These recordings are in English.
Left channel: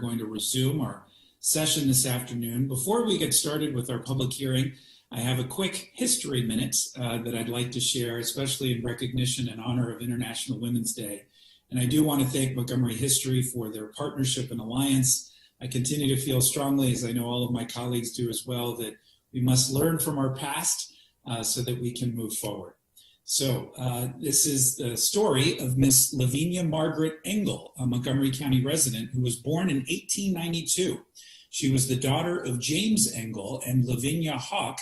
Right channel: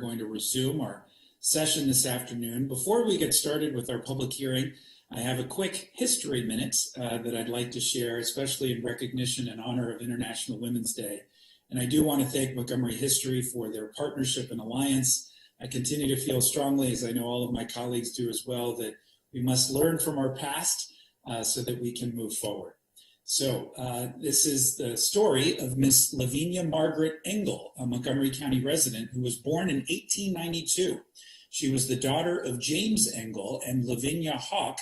Going to resume our session this afternoon. Before we get started with our public hearing, I have a quick history minute that I'd like to share, especially in recognition and honor of International Women's Day. And I do want to thank Montgomery History for their partnership and alliance. I continue to feel strongly, as I know all of my colleagues do as well, that we must learn from our past so that we can move forward. So this is the story of Miss Lavinia Margaret Engel, a Montgomery County resident who was born in 1892. She was the daughter of James Engel and Lavinia Hawk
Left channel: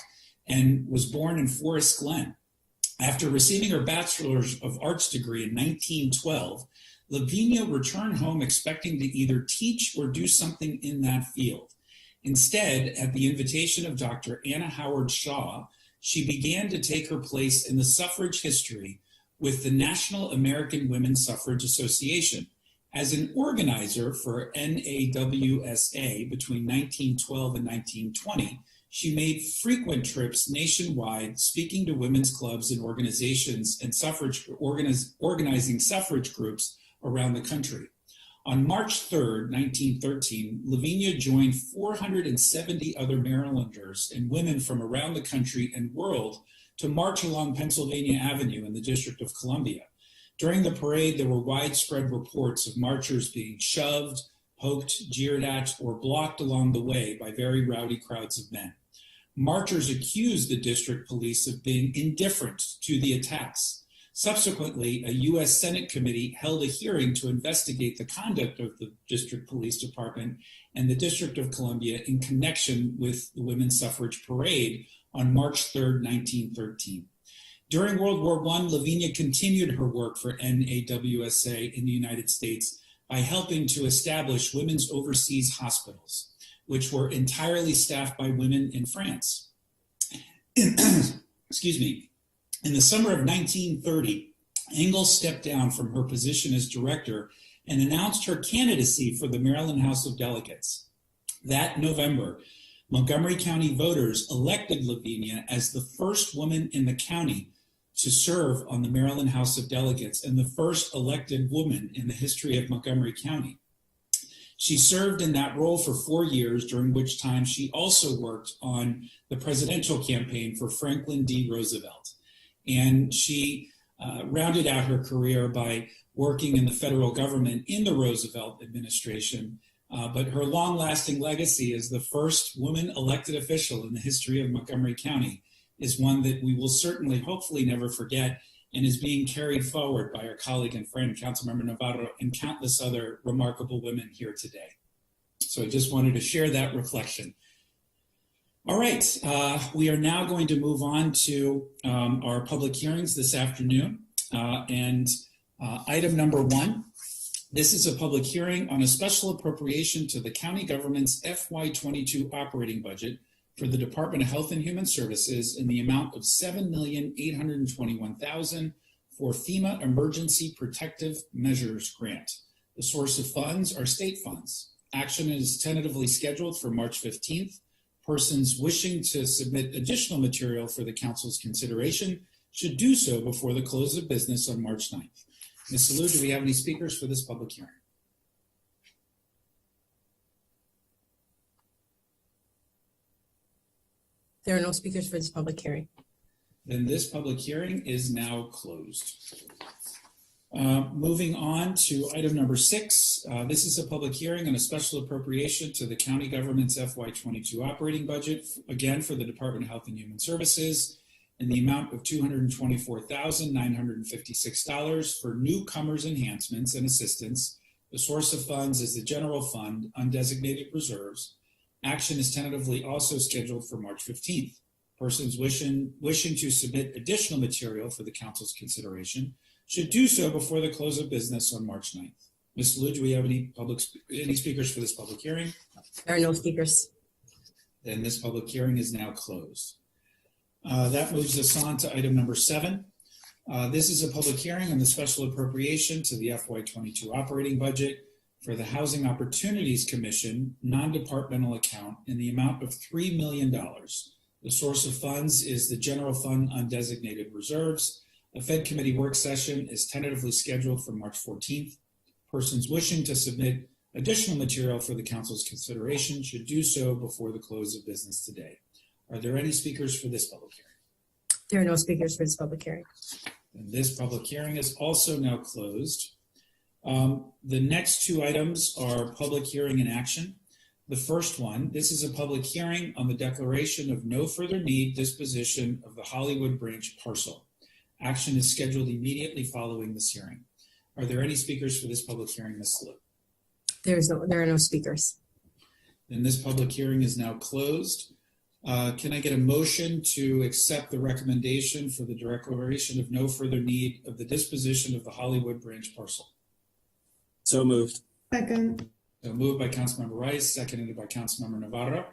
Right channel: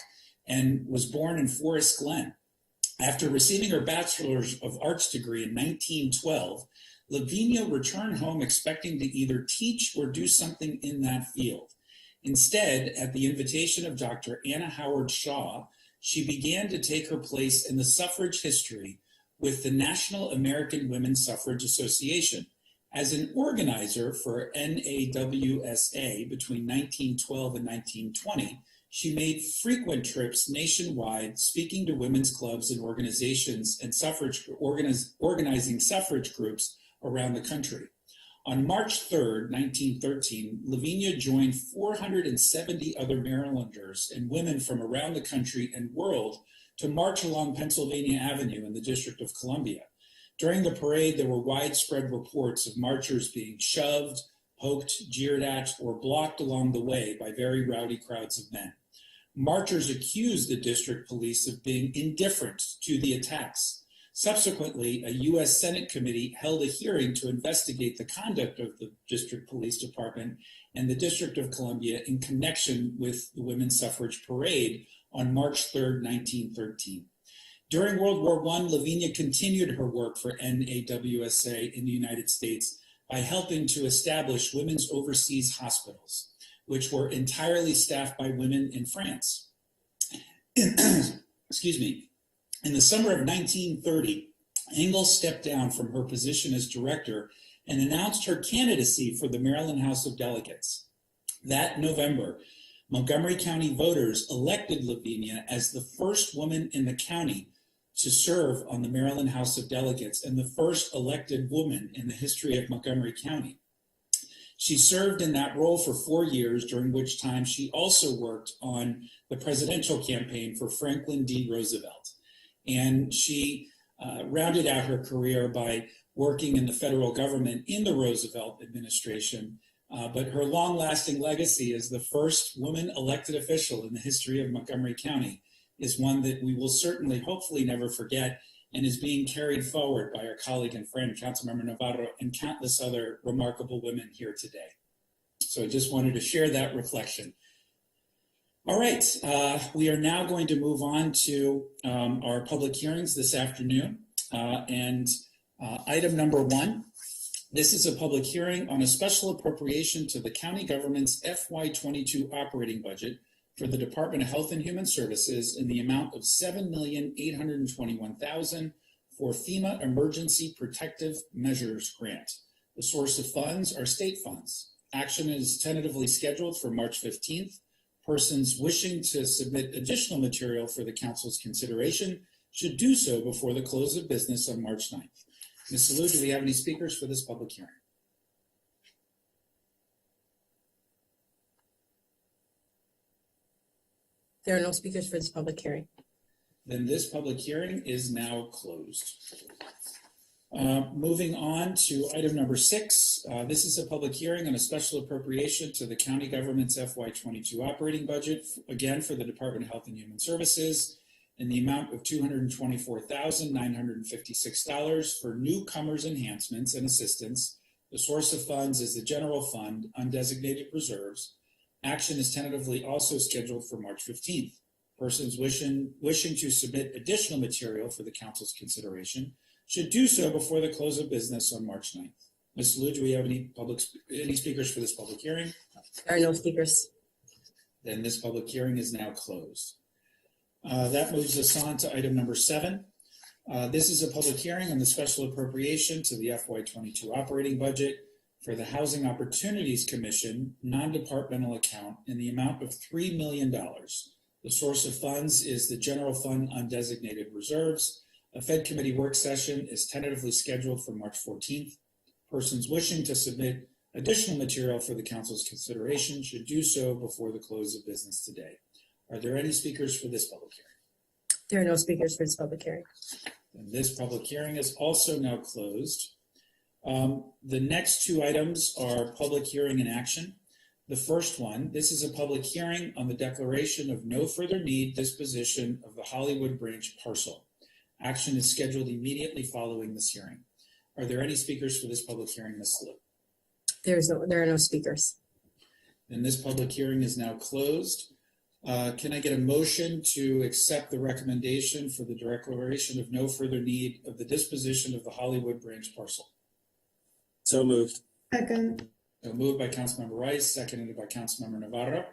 and was born in Forest Glen. After receiving her Bachelor's of Arts degree in 1912, Lavinia returned home expecting to either teach or do something in that field. Instead, at the invitation of Dr. Anna Howard Shaw, she began to take her place in the suffrage history with the National American Women's Suffrage Association. As an organizer for NAWSA between 1912 and 1920, she made frequent trips nationwide, speaking to women's clubs and organizations and organizing suffrage groups around the country. On March 3rd, 1913, Lavinia joined 470 other Marylanders and women from around the country and world to march along Pennsylvania Avenue in the District of Columbia. During the parade, there were widespread reports of marchers being shoved, poked, jeered at, or blocked along the way by very rowdy crowds of men. Marchers accused the district police of being indifferent to the attacks. Subsequently, a U.S. Senate committee held a hearing to investigate the conduct of the District Police Department and the District of Columbia in connection with the Women's Suffrage Parade on March 3, 1913. During World War I, Lavinia continued her work for NAWSA in the United States by helping to establish women's overseas hospitals, which were entirely staffed by women in France. Excuse me. In the summer of 1930, Engel stepped down from her position as director and announced her candidacy for the Maryland House of Delegates. That November, Montgomery County voters elected Lavinia as the first woman in the county to serve on the Maryland House of Delegates and the first elected woman in the history of Montgomery County. She served in that role for 4 years, during which time she also worked on the presidential campaign for Franklin D. Roosevelt. And she rounded out her career by working in the federal government in the Roosevelt administration. But her long-lasting legacy as the first woman elected official in the history of Montgomery County is one that we will certainly, hopefully, never forget, and is being carried forward by our colleague and friend, Councilmember Navarro, and countless other remarkable women here today. So I just wanted to share that reflection. All right, we are now going to move on to our public hearings this afternoon. Item number 1, this is a public hearing on a special appropriation to the county government's FY22 operating budget for the Department of Health and Human Services in the amount of $7,821,000 for FEMA Emergency Protective Measures Grant. The source of funds are state funds. Action is tentatively scheduled for March 15th. Persons wishing to submit additional material for the council's consideration should do so before the close of business on March 9th. Ms. Salou, do we have any speakers for this public hearing? There are no speakers for this public hearing. Then this public hearing is now closed. Moving on to item number 6. This is a public hearing on a special appropriation to the county government's FY22 operating budget, again for the Department of Health and Human Services, in the amount of $224,956 for newcomers enhancements and assistance. The source of funds is the general fund, undesignated reserves. Action is tentatively also scheduled for March 15th. Persons wishing to submit additional material for the council's consideration should do so before the close of business on March 9th. Ms. Salou, do we have any speakers for this public hearing? There are no speakers. Then this public hearing is now closed. That moves us on to item number 7. This is a public hearing on the special appropriation to the FY22 operating budget for the Housing Opportunities Commission non-departmental account in the amount of $3 million. The source of funds is the general fund undesignated reserves. A Fed committee work session is tentatively scheduled for March 14th. Persons wishing to submit additional material for the council's consideration should do so before the close of business today. Are there any speakers for this public hearing? There are no speakers for this public hearing. And this public hearing is also now closed. The next two items are public hearing and action. The first one, this is a public hearing on the declaration of no further need disposition of the Hollywood Branch parcel. Action is scheduled immediately following this hearing. Are there any speakers for this public hearing, Ms. Liu? There are no speakers. Then this public hearing is now closed. Can I get a motion to accept the recommendation for the declaration of no further need of the disposition of the Hollywood Branch parcel? So moved. Second. Moved by Councilmember Rice, seconded by Councilmember Navarro.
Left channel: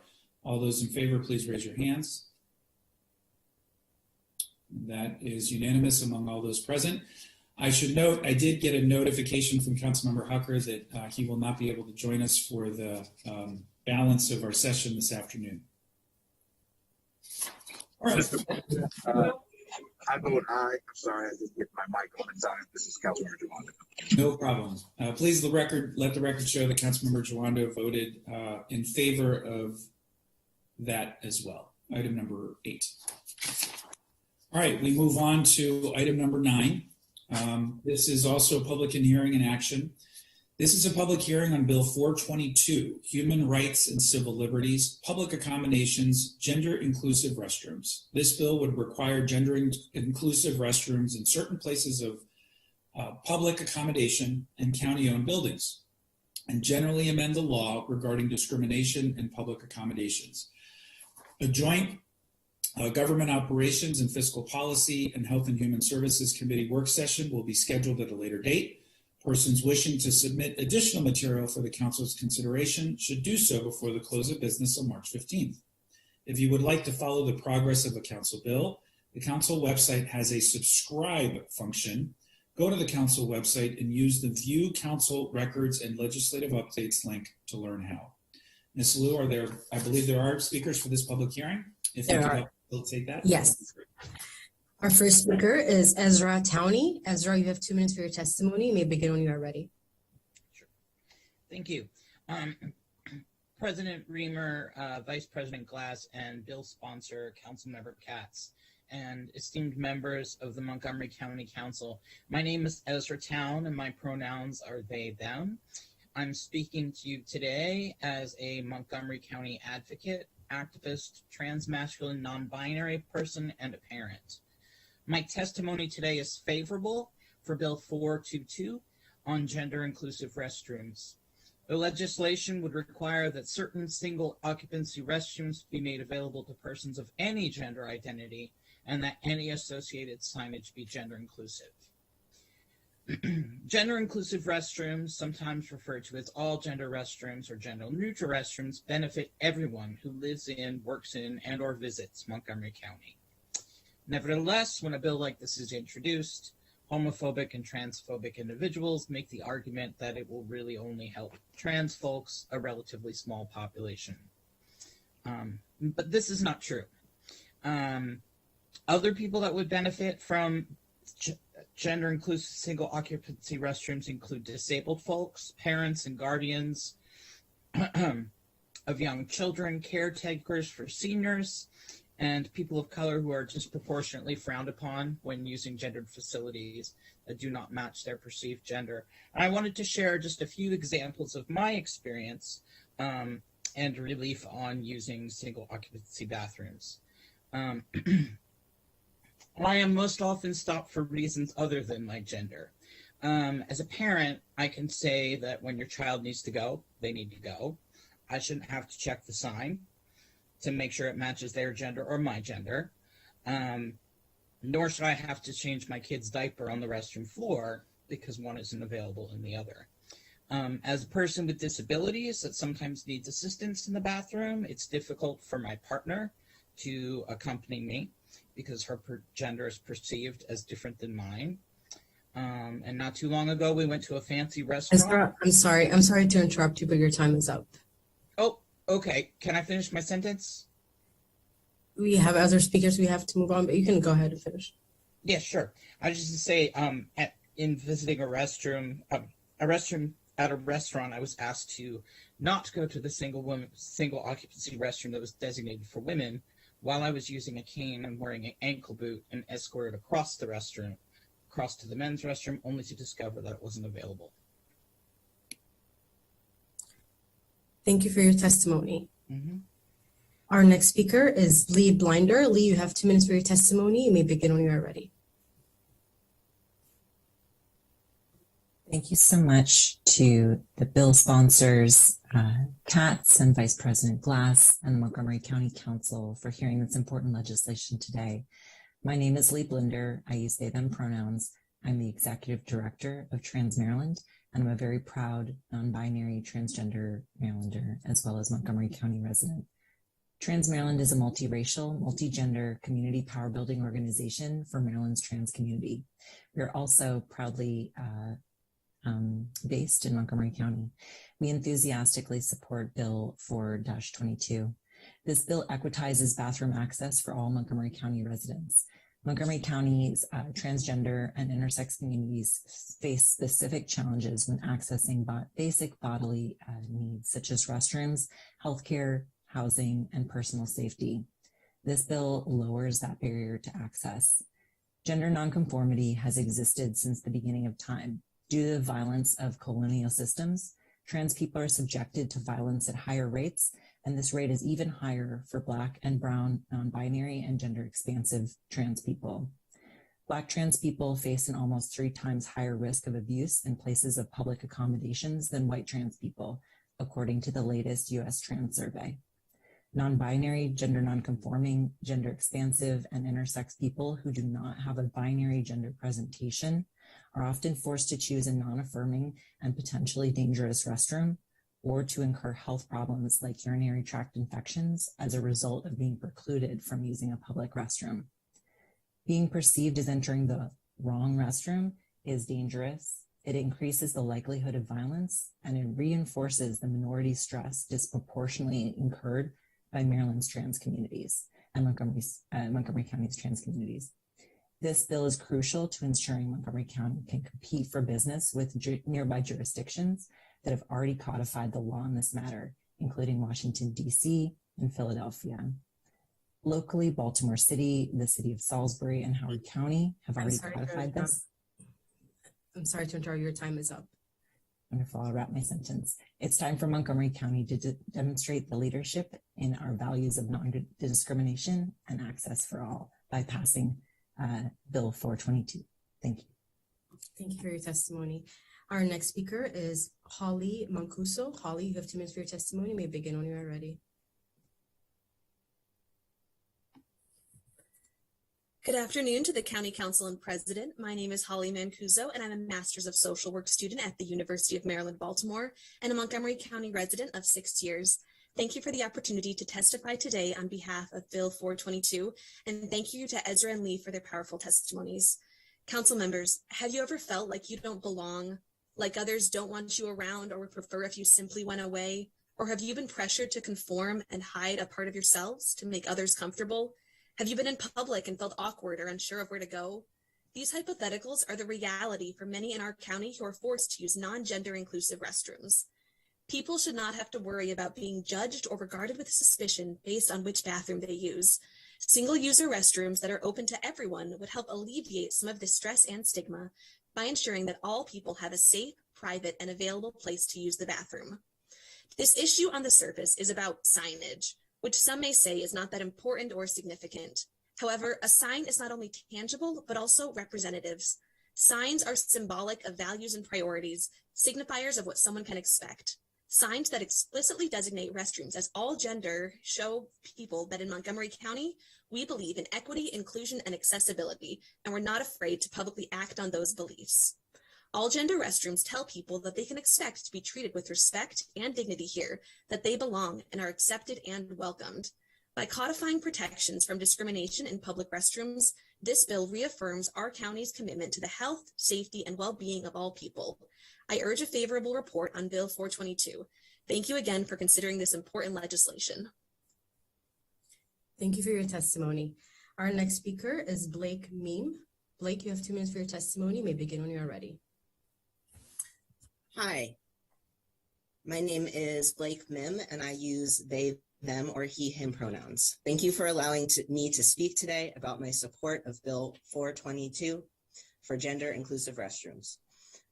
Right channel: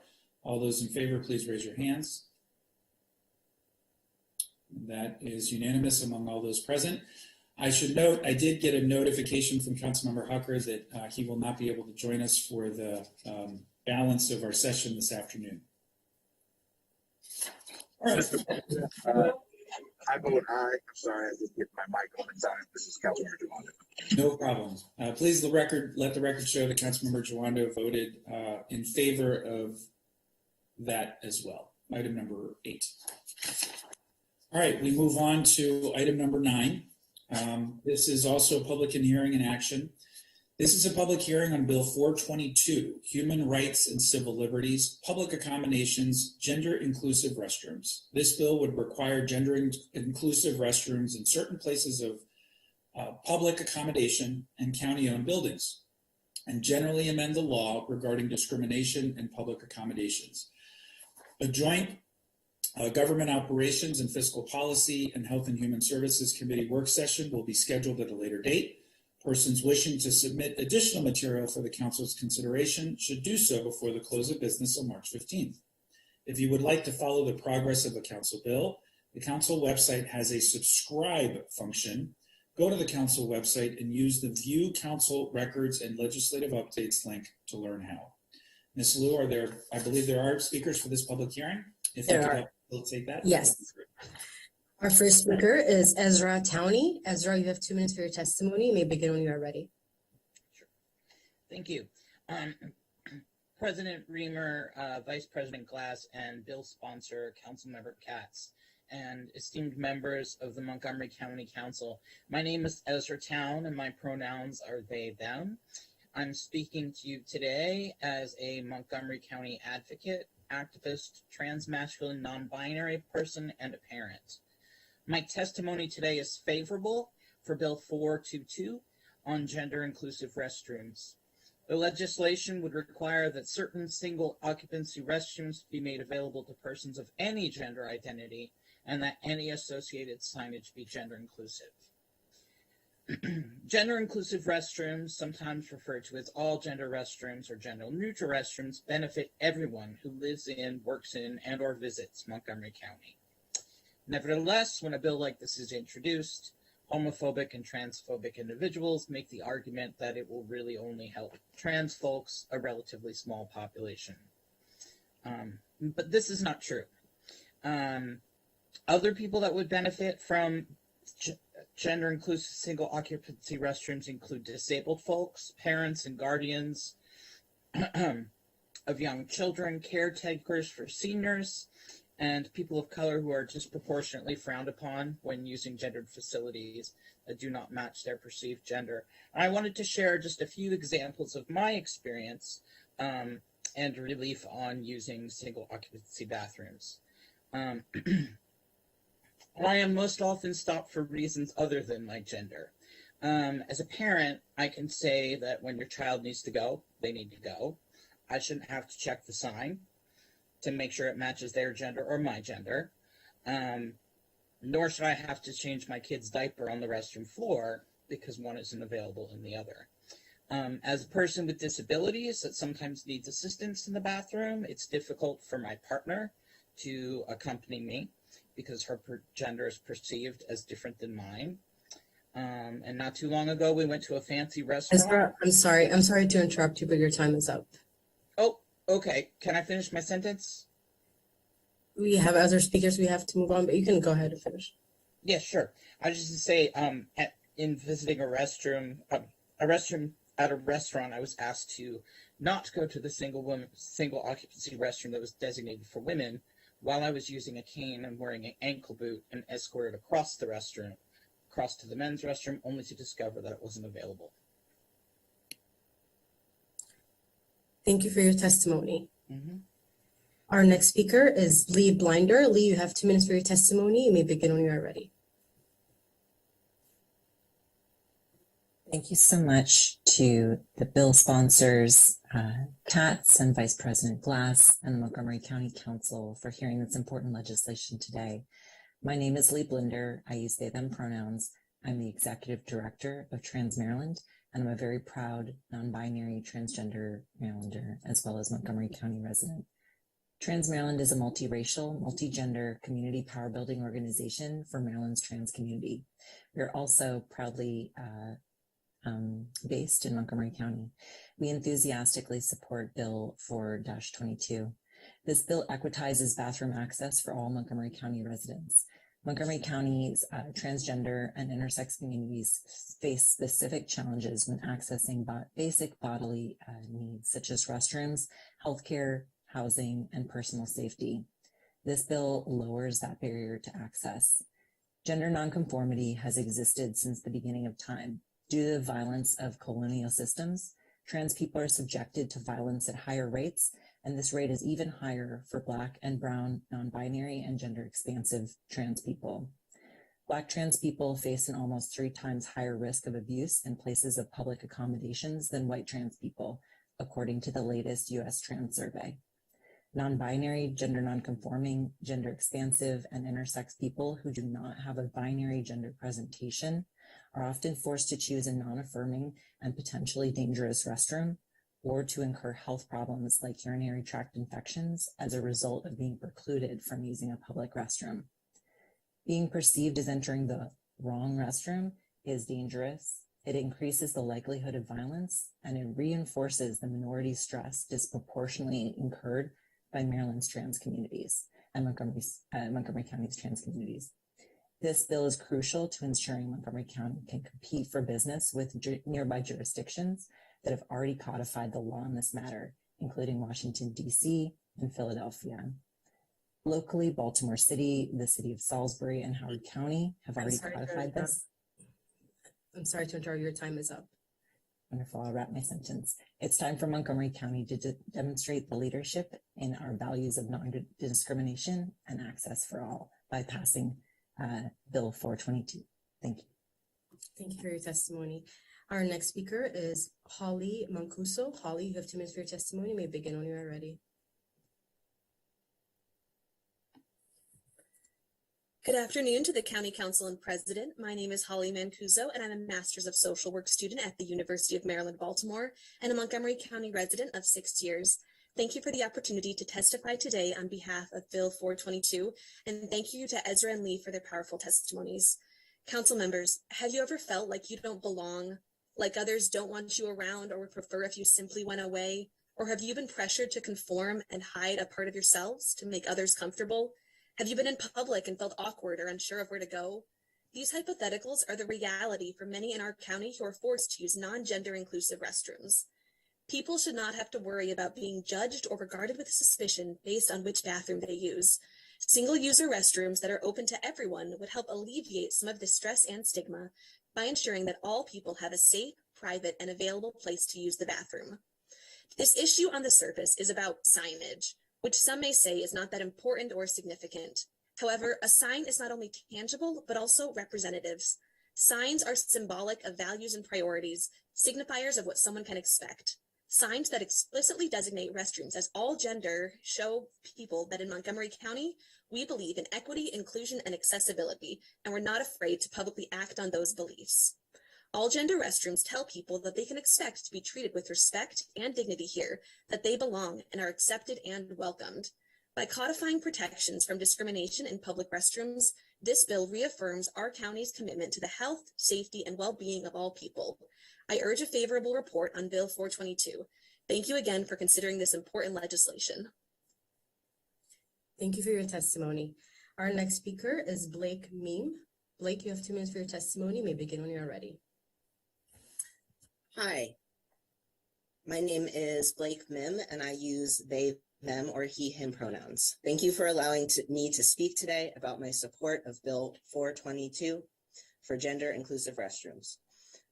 All those in favor, please raise your hands. That is unanimous among all those present. I should note, I did get a notification from Councilmember Hucker that he will not be able to join us for the balance of our session this afternoon. All right. I vote aye. I'm sorry, I didn't get my mic on in time. This is Councilmember Jawando. No problem. Please let the record show that Councilmember Jawando voted in favor of that as well. Item number 8. All right, we move on to item number 9. This is also a public hearing and action. This is a public hearing on Bill 422, Human Rights and Civil Liberties, Public Accommodations, Gender Inclusive Restrooms. This bill would require gender inclusive restrooms in certain places of public accommodation and county-owned buildings, and generally amend the law regarding discrimination in public accommodations. A joint Government Operations and Fiscal Policy and Health and Human Services Committee work session will be scheduled at a later date. Persons wishing to submit additional material for the council's consideration should do so before the close of business on March 15th. If you would like to follow the progress of a council bill, the council website has a subscribe function. Go to the council website and use the View Council Records and Legislative Updates link to learn how. Ms. Liu, I believe there are speakers for this public hearing. If you could facilitate that. Yes. Our first speaker is Ezra Towney. Ezra, you have 2 minutes for your testimony. You may begin when you are ready. Sure. Thank you. President Reamer, Vice President Glass, and bill sponsor, Councilmember Katz, and esteemed members of the Montgomery County Council. My name is Ezra Town, and my pronouns are they, them. I'm speaking to you today as a Montgomery County advocate, activist, transmasculine, non-binary person, and a parent. My testimony today is favorable for Bill 422 on gender-inclusive restrooms. The legislation would require that certain single occupancy restrooms be made available to persons of any gender identity and that any associated signage be gender-inclusive. Gender-inclusive restrooms, sometimes referred to as all-gender restrooms or gender-neutral restrooms, benefit everyone who lives in, works in, and or visits Montgomery County. Nevertheless, when a bill like this is introduced, homophobic and transphobic individuals make the argument that it will really only help trans folks, a relatively small population. But this is not true. Other people that would benefit from gender-inclusive single-occupancy restrooms include disabled folks, parents and guardians of young children, caretakers for seniors, and people of color who are disproportionately frowned upon when using gendered facilities that do not match their perceived gender. And I wanted to share just a few examples of my experience and relief on using single occupancy bathrooms. I am most often stopped for reasons other than my gender. As a parent, I can say that when your child needs to go, they need to go. I shouldn't have to check the sign to make sure it matches their gender or my gender. Nor should I have to change my kid's diaper on the restroom floor because one isn't available in the other. As a person with disabilities that sometimes needs assistance in the bathroom, it's difficult for my partner to accompany me because her gender is perceived as different than mine. And not too long ago, we went to a fancy restaurant. I'm sorry to interrupt you, but your time is up. Oh, okay. Can I finish my sentence? We have other speakers we have to move on, but you can go ahead and finish. Yeah, sure. I was just to say, in visiting a restroom at a restaurant, I was asked to not go to the single occupancy restroom that was designated for women while I was using a cane and wearing an ankle boot, and escorted across the restroom, across to the men's restroom, only to discover that it wasn't available. Thank you for your testimony. Mm-hmm. Our next speaker is Lee Blinder. Lee, you have 2 minutes for your testimony. You may begin when you are ready. Thank you so much to the bill sponsors, Katz and Vice President Glass, and the Montgomery County Council for hearing this important legislation today. My name is Lee Blinder. I use they, them pronouns. I'm the Executive Director of Trans Maryland, and I'm a very proud non-binary transgender Marylander, as well as Montgomery County resident. Trans Maryland is a multiracial, multi-gender community power building organization for Maryland's trans community. We're also proudly based in Montgomery County. We enthusiastically support Bill 4-22. This bill equitizes bathroom access for all Montgomery County residents. Montgomery County's transgender and intersex communities face specific challenges when accessing basic bodily needs such as restrooms, healthcare, housing, and personal safety. This bill lowers that barrier to access. Gender nonconformity has existed since the beginning of time. Due to the violence of colonial systems, trans people are subjected to violence at higher rates, and this rate is even higher for Black and Brown, non-binary, and gender-expansive trans people. Black trans people face an almost 3 times higher risk of abuse in places of public accommodations than white trans people, according to the latest U.S. Trans Survey. Non-binary, gender nonconforming, gender-expansive, and intersex people who do not have a binary gender presentation are often forced to choose a non-affirming and potentially dangerous restroom, or to incur health problems like urinary tract infections as a result of being precluded from using a public restroom. Being perceived as entering the wrong restroom is dangerous. It increases the likelihood of violence, and it reinforces the minority stress disproportionately incurred by Maryland's trans communities and Montgomery County's trans communities. This bill is crucial to ensuring Montgomery County can compete for business with nearby jurisdictions that have already codified the law in this matter, including Washington, D.C. and Philadelphia. Locally, Baltimore City, the city of Salisbury, and Howard County have already codified this. I'm sorry to interrupt. Your time is up. Wonderful. I'll wrap my sentence. It's time for Montgomery County to demonstrate the leadership in our values of non-discrimination and access for all by passing Bill 422. Thank you. Thank you for your testimony. Our next speaker is Holly Mancuso. Holly, you have 2 minutes for your testimony. You may begin when you are ready. Good afternoon to the County Council and President. My name is Holly Mancuso, and I'm a Master's of Social Work student at the University of Maryland, Baltimore, and a Montgomery County resident of 6 years. Thank you for the opportunity to testify today on behalf of Bill 422, and thank you to Ezra and Lee for their powerful testimonies. Council members, have you ever felt like you don't belong, like others don't want you around or would prefer if you simply went away? Or have you been pressured to conform and hide a part of yourselves to make others comfortable? Have you been in public and felt awkward or unsure of where to go? These hypotheticals are the reality for many in our county who are forced to use non-gender inclusive restrooms. People should not have to worry about being judged or regarded with suspicion based on which bathroom they use. Single-user restrooms that are open to everyone would help alleviate some of the stress and stigma by ensuring that all people have a safe, private, and available place to use the bathroom. This issue on the surface is about signage, which some may say is not that important or significant. However, a sign is not only tangible, but also representatives. Signs are symbolic of values and priorities, signifiers of what someone can expect. Signs that explicitly designate restrooms as all gender show people that in Montgomery County, we believe in equity, inclusion, and accessibility, and we're not afraid to publicly act on those beliefs. All gender restrooms tell people that they can expect to be treated with respect and dignity here, that they belong and are accepted and welcomed. By codifying protections from discrimination in public restrooms, this bill reaffirms our county's commitment to the health, safety, and well-being of all people. I urge a favorable report on Bill 422. Thank you again for considering this important legislation. Thank you for your testimony. Our next speaker is Blake Meem. Blake, you have 2 minutes for your testimony. You may begin when you are ready. Hi, My name is Blake Mim, and I use they, them, or he, him pronouns. Thank you for allowing me to speak today about my support of Bill 422 for gender inclusive restrooms.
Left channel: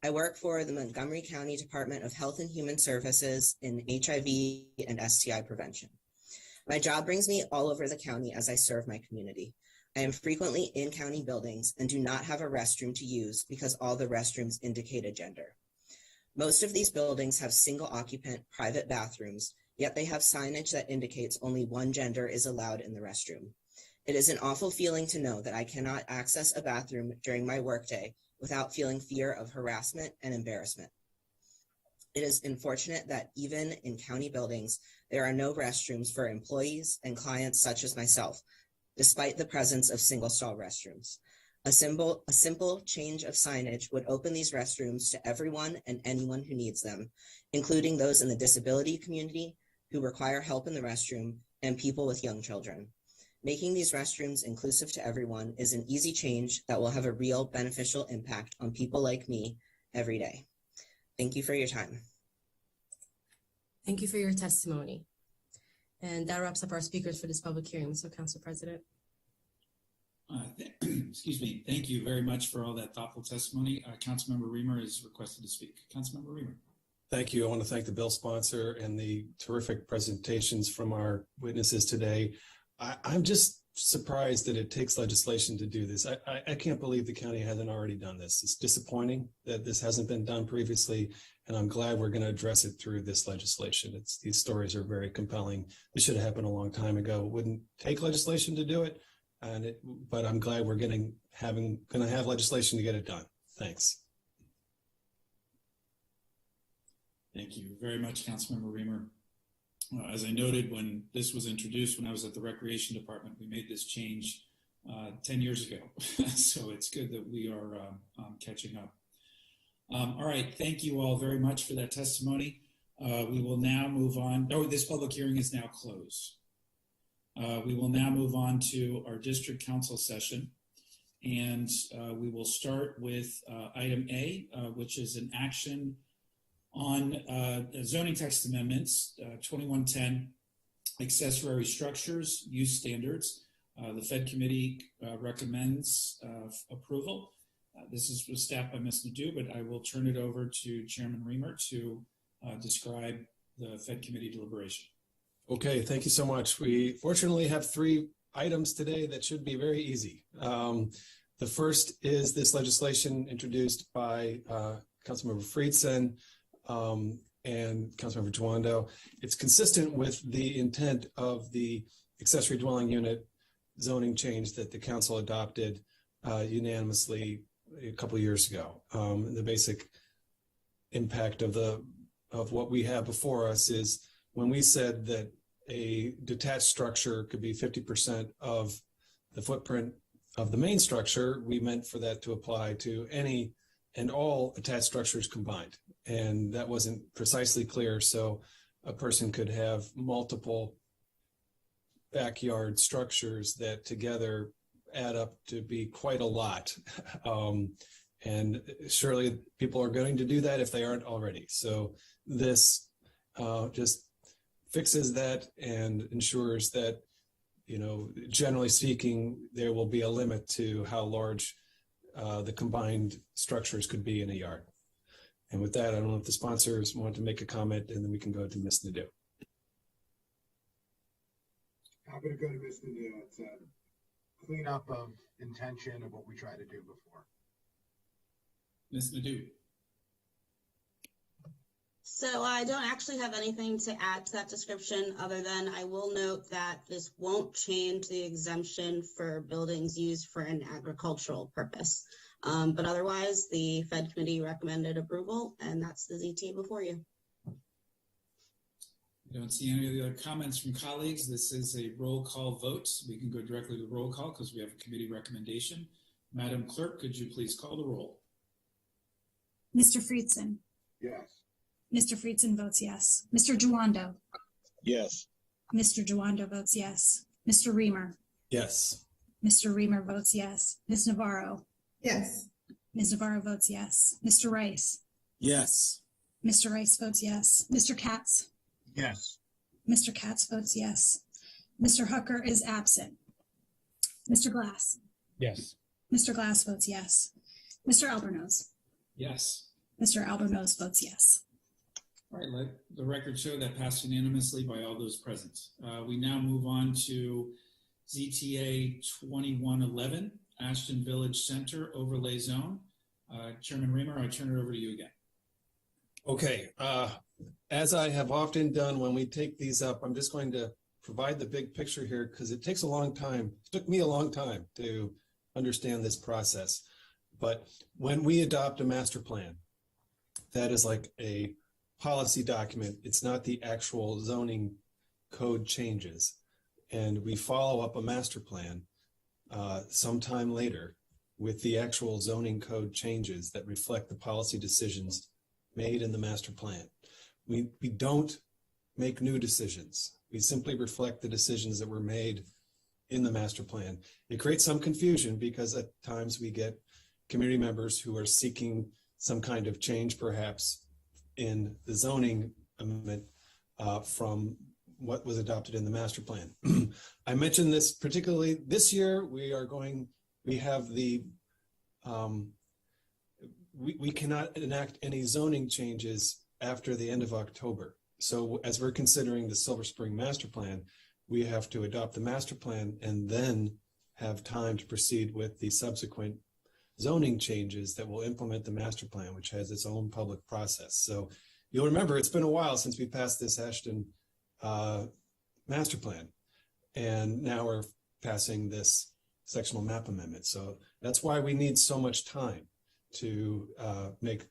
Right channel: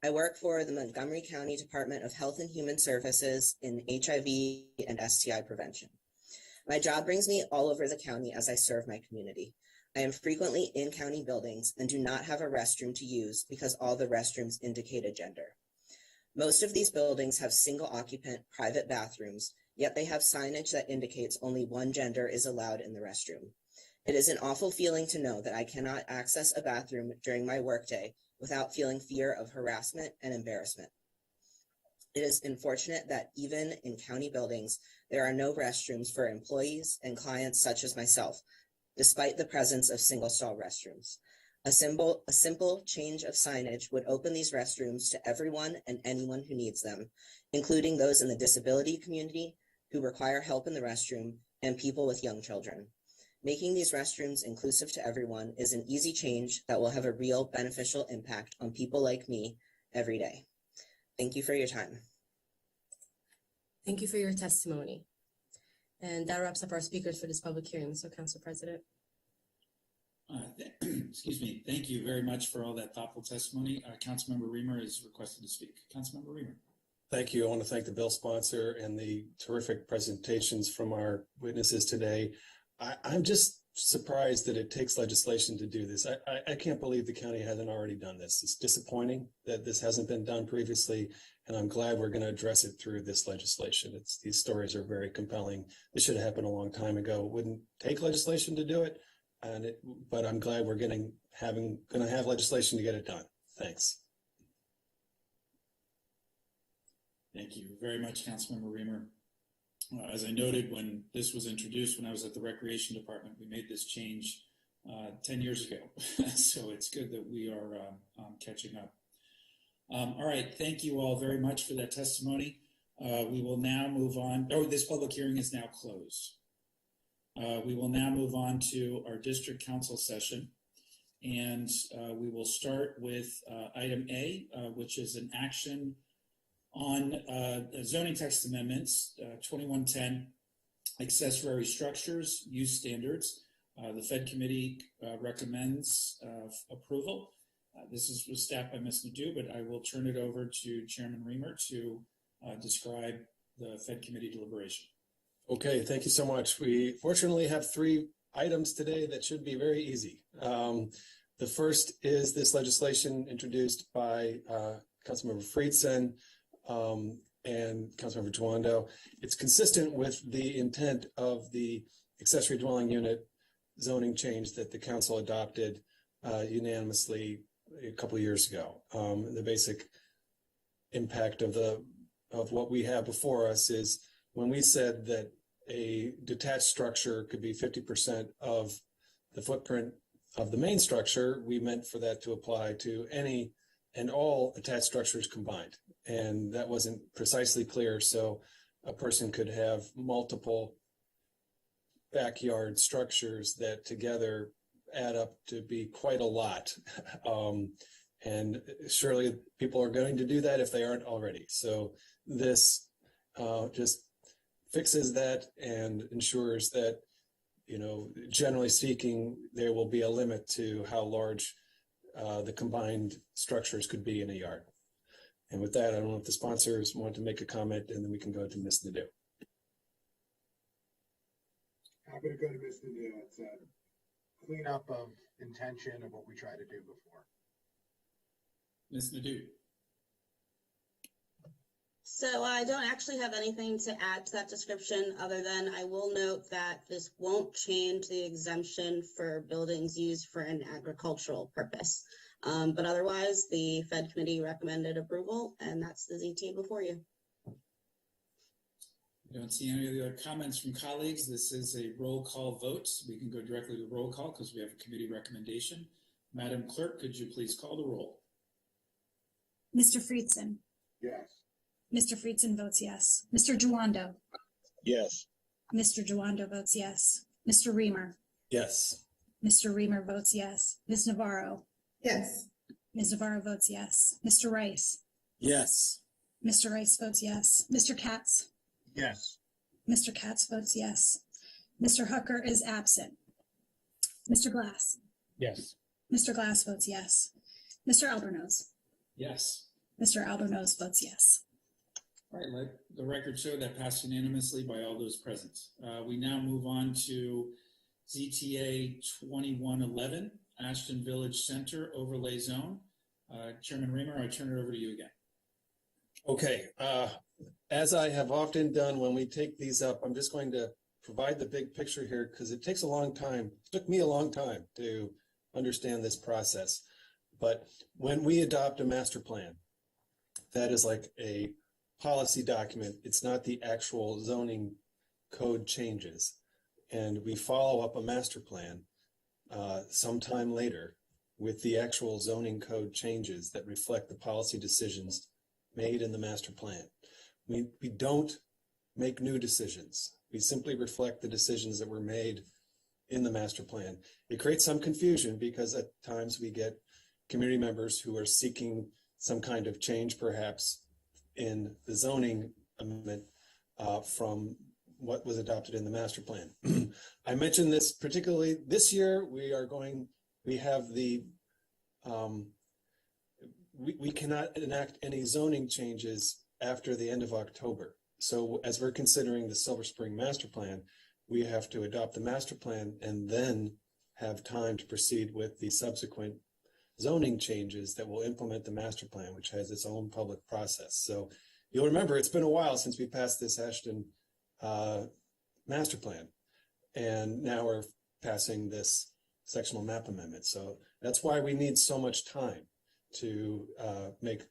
I work for the Montgomery County Department of Health and Human Services in HIV and STI prevention. My job brings me all over the county as I serve my community. I am frequently in county buildings and do not have a restroom to use because all the restrooms indicate a gender. Most of these buildings have single occupant private bathrooms, yet they have signage that indicates only one gender is allowed in the restroom. It is an awful feeling to know that I cannot access a bathroom during my workday without feeling fear of harassment and embarrassment. It is unfortunate that even in county buildings, there are no restrooms for employees and clients such as myself, despite the presence of single-stall restrooms. A simple change of signage would open these restrooms to everyone and anyone who needs them, including those in the disability community who require help in the restroom and people with young children. Making these restrooms inclusive to everyone is an easy change that will have a real beneficial impact on people like me every day. Thank you for your time. Thank you for your testimony. And that wraps up our speakers for this public hearing. So, Council President. Excuse me. Thank you very much for all that thoughtful testimony. Councilmember Reamer is requested to speak. Councilmember Reamer. Thank you. I want to thank the bill sponsor and the terrific presentations from our witnesses today. I'm just surprised that it takes legislation to do this. I can't believe the county hasn't already done this. It's disappointing that this hasn't been done previously, and I'm glad we're going to address it through this legislation. These stories are very compelling. This should have happened a long time ago. It wouldn't take legislation to do it, but I'm glad we're going to have legislation to get it done. Thanks. Thank you very much, Councilmember Reamer. As I noted, when this was introduced, when I was at the Recreation Department, we made this change 10 years ago. So it's good that we are catching up. All right, thank you all very much for that testimony. We will now move on. Oh, this public hearing is now closed. We will now move on to our district council session. And we will start with item A, which is an action on zoning text amendments, 2110, accessory structures, use standards. The Fed Committee recommends approval. This was staffed by Ms. Nadeau, but I will turn it over to Chairman Reamer to describe the Fed Committee deliberation. Okay, thank you so much. We fortunately have 3 items today that should be very easy. The first is this legislation introduced by Councilmember Friedson and Councilmember Duando. It's consistent with the intent of the accessory dwelling unit zoning change that the council adopted unanimously a couple of years ago. The basic impact of what we have before us is when we said that a detached structure could be 50% of the footprint of the main structure, we meant for that to apply to any and all attached structures combined. And that wasn't precisely clear, so a person could have multiple backyard structures that together add up to be quite a lot. And surely people are going to do that if they aren't already. So this just fixes that and ensures that, generally speaking, there will be a limit to how large the combined structures could be in a yard. And with that, I don't know if the sponsors want to make a comment, and then we can go to Ms. Nadeau. Happy to go to Ms. Nadeau. It's a cleanup of intention of what we tried to do before. Ms. Nadeau. So I don't actually have anything to add to that description other than I will note that this won't change the exemption for buildings used for an agricultural purpose. But otherwise, the Fed Committee recommended approval, and that's the ZT before you. I don't see any other comments from colleagues. This is a roll call vote. We can go directly to roll call because we have a committee recommendation. Madam Clerk, could you please call the roll? Mr. Friedson. Yes. Mr. Friedson votes yes. Mr. Duando. Yes. Mr. Duando votes yes. Mr. Reamer. Yes. Mr. Reamer votes yes. Ms. Navarro. Yes. Ms. Navarro votes yes. Mr. Rice. Yes. Mr. Rice votes yes. Mr. Katz? Yes. Mr. Katz votes yes. Mr. Hooker is absent. Mr. Glass? Yes. Mr. Glass votes yes. Mr. Albornoz? Yes. Mr. Albornoz votes yes. All right, let the record show that passed unanimously by all those present. We now move on to ZTA 2111, Ashton Village Center Overlay Zone. Chairman Reamer, I turn it over to you again. Okay, as I have often done when we take these up, I'm just going to provide the big picture here because it takes a long time. It took me a long time to understand this process. But when we adopt a master plan, that is like a policy document. It's not the actual zoning code changes. And we follow up a master plan sometime later with the actual zoning code changes that reflect the policy decisions made in the master plan. We don't make new decisions. We simply reflect the decisions that were made in the master plan. It creates some confusion because at times we get community members who are seeking some kind of change perhaps in the zoning amendment from what was adopted in the master plan. I mentioned this particularly this year. We have the we cannot enact any zoning changes after the end of October. So as we're considering the Silver Spring master plan, we have to adopt the master plan and then have time to proceed with the subsequent zoning changes that will implement the master plan, which has its own public process. So you'll remember it's been a while since we passed this Ashton master plan, and now we're passing this sectional map amendment. So that's why we need so much time to make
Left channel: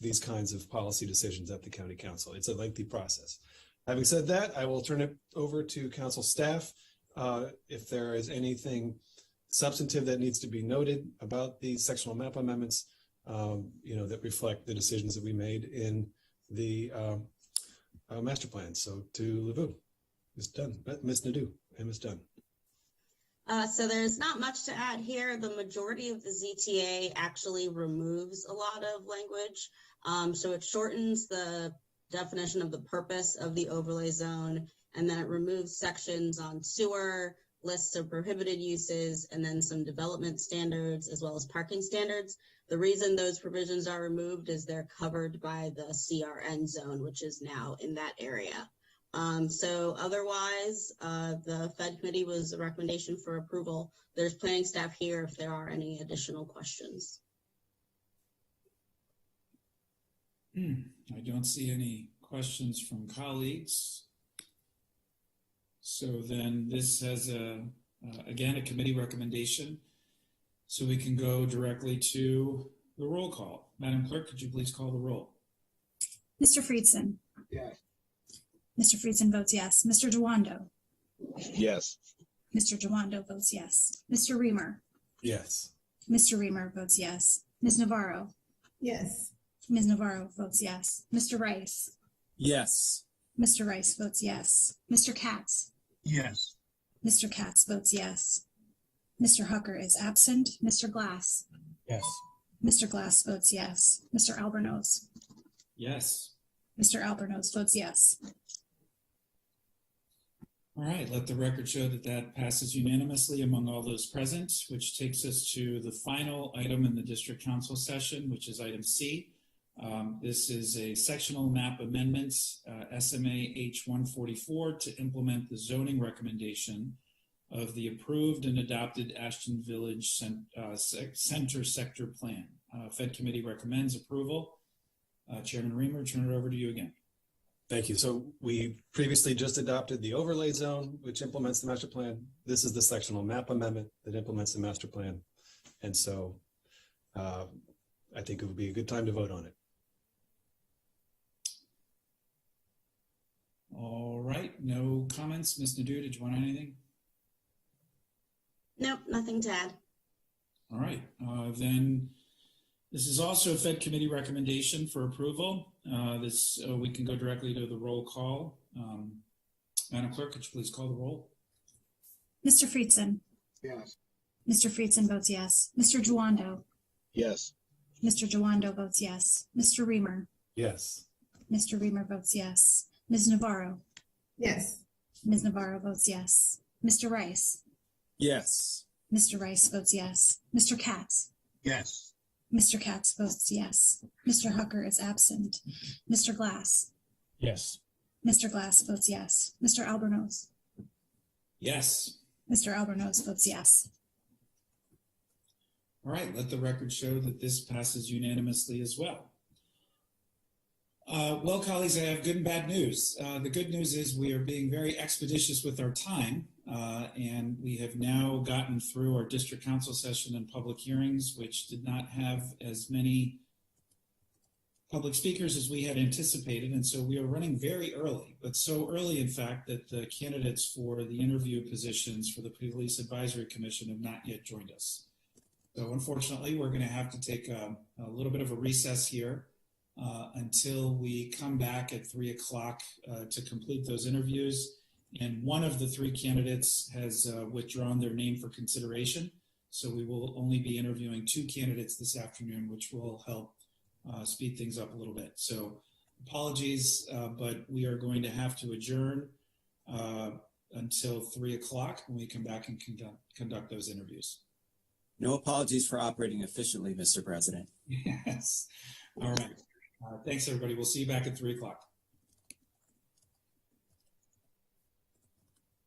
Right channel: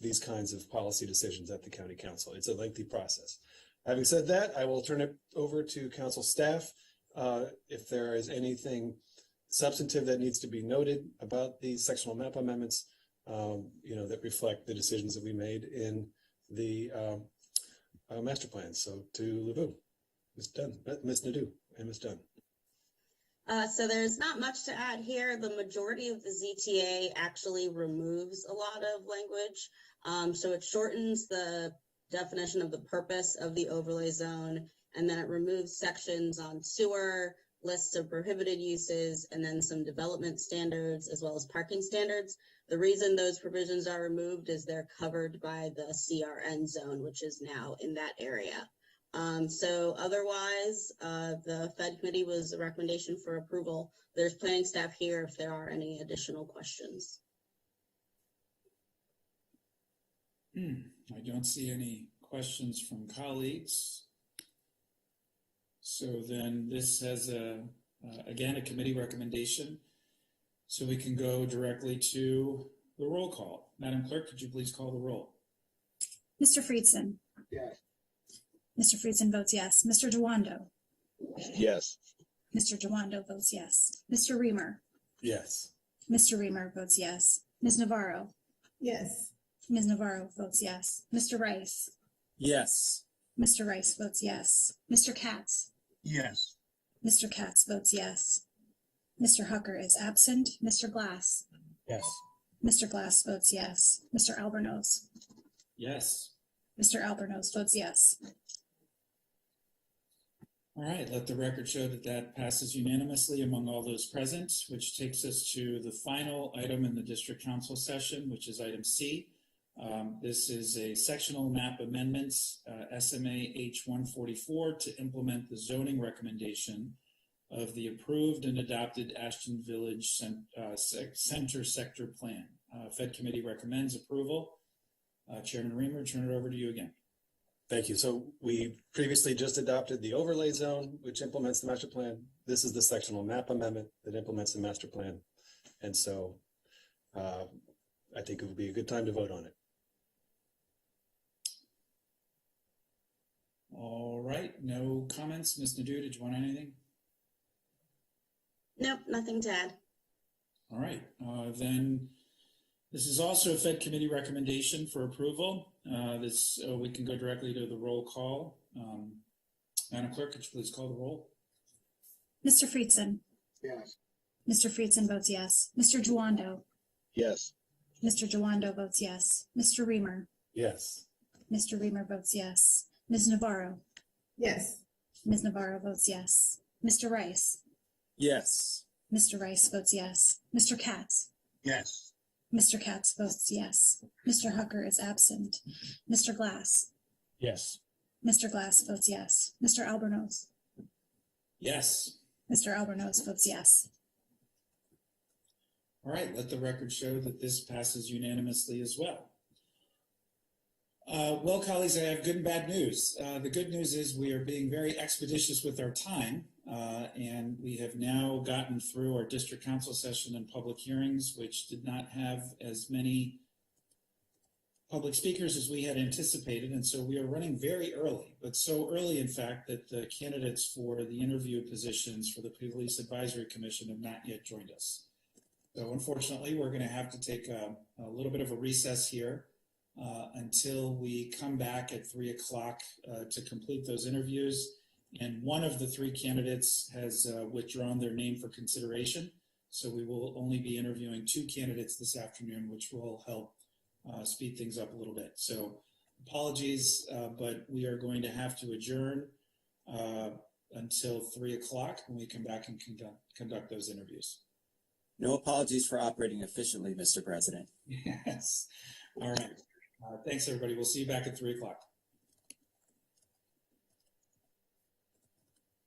these kinds of policy decisions at the county council. It's a lengthy process. Having said that, I will turn it over to council staff. If there is anything substantive that needs to be noted about the sectional map amendments, that reflect the decisions that we made in the master plan. So to Levu, Ms. Nadeau, and Ms. Dunn. So there's not much to add here. The majority of the ZTA actually removes a lot of language. So it shortens the definition of the purpose of the overlay zone, and then it removes sections on sewer, lists of prohibited uses, and then some development standards as well as parking standards. The reason those provisions are removed is they're covered by the CRN zone, which is now in that area. So otherwise, the Fed committee was a recommendation for approval. There's planning staff here if there are any additional questions. I don't see any questions from colleagues. So then this has again, a committee recommendation. So we can go directly to the roll call. Madam Clerk, could you please call the roll? Mr. Friedson? Yes. Mr. Friedson votes yes. Mr. Duwando? Yes. Mr. Duwando votes yes. Mr. Reamer? Yes. Mr. Reamer votes yes. Ms. Navarro? Yes. Ms. Navarro votes yes. Mr. Rice? Yes. Mr. Rice votes yes. Mr. Katz? Yes. Mr. Katz votes yes. Mr. Hooker is absent. Mr. Glass? Yes. Mr. Glass votes yes. Mr. Albornoz? Yes. Mr. Albornoz votes yes. All right, let the record show that that passes unanimously among all those present, which takes us to the final item in the district council session, which is item C. This is a sectional map amendments, SMA H144, to implement the zoning recommendation of the approved and adopted Ashton Village Center Sector Plan. Fed Committee recommends approval. Chairman Reamer, turn it over to you again. Thank you. So we previously just adopted the overlay zone, which implements the master plan. This is the sectional map amendment that implements the master plan. And so I think it would be a good time to vote on it. All right, no comments. Ms. Nadeau, did you want anything? Nope, nothing to add. All right, then this is also a Fed Committee recommendation for approval. We can go directly to the roll call. Madam Clerk, could you please call the roll? Mr. Friedson? Yes. Mr. Friedson votes yes. Mr. Duwando? Yes. Mr. Duwando votes yes. Mr. Reamer? Yes. Mr. Reamer votes yes. Ms. Navarro? Yes. Ms. Navarro votes yes. Mr. Rice? Yes. Mr. Rice votes yes. Mr. Katz? Yes. Mr. Katz votes yes. Mr. Hucker is absent. Mr. Glass? Yes. Mr. Glass votes yes. Mr. Albornoz? Yes. Mr. Albornoz votes yes. All right, let the record show that this passes unanimously as well. Well, colleagues, I have good and bad news. The good news is we are being very expeditious with our time, and we have now gotten through our district council session and public hearings, which did not have as many public speakers as we had anticipated, and so we are running very early, but so early, in fact, that the candidates for the interview positions for the Police Advisory Commission have not yet joined us. So unfortunately, we're going to have to take a little bit of a recess here until we come back at 3 o'clock to complete those interviews. And one of the three candidates has withdrawn their name for consideration. So we will only be interviewing two candidates this afternoon, which will help speed things up a little bit. So apologies, but we are going to have to adjourn until 3 o'clock when we come back and conduct those interviews. No apologies for operating efficiently, Mr. President. Yes. All right. Thanks, everybody. We'll see you back at 3 o'clock.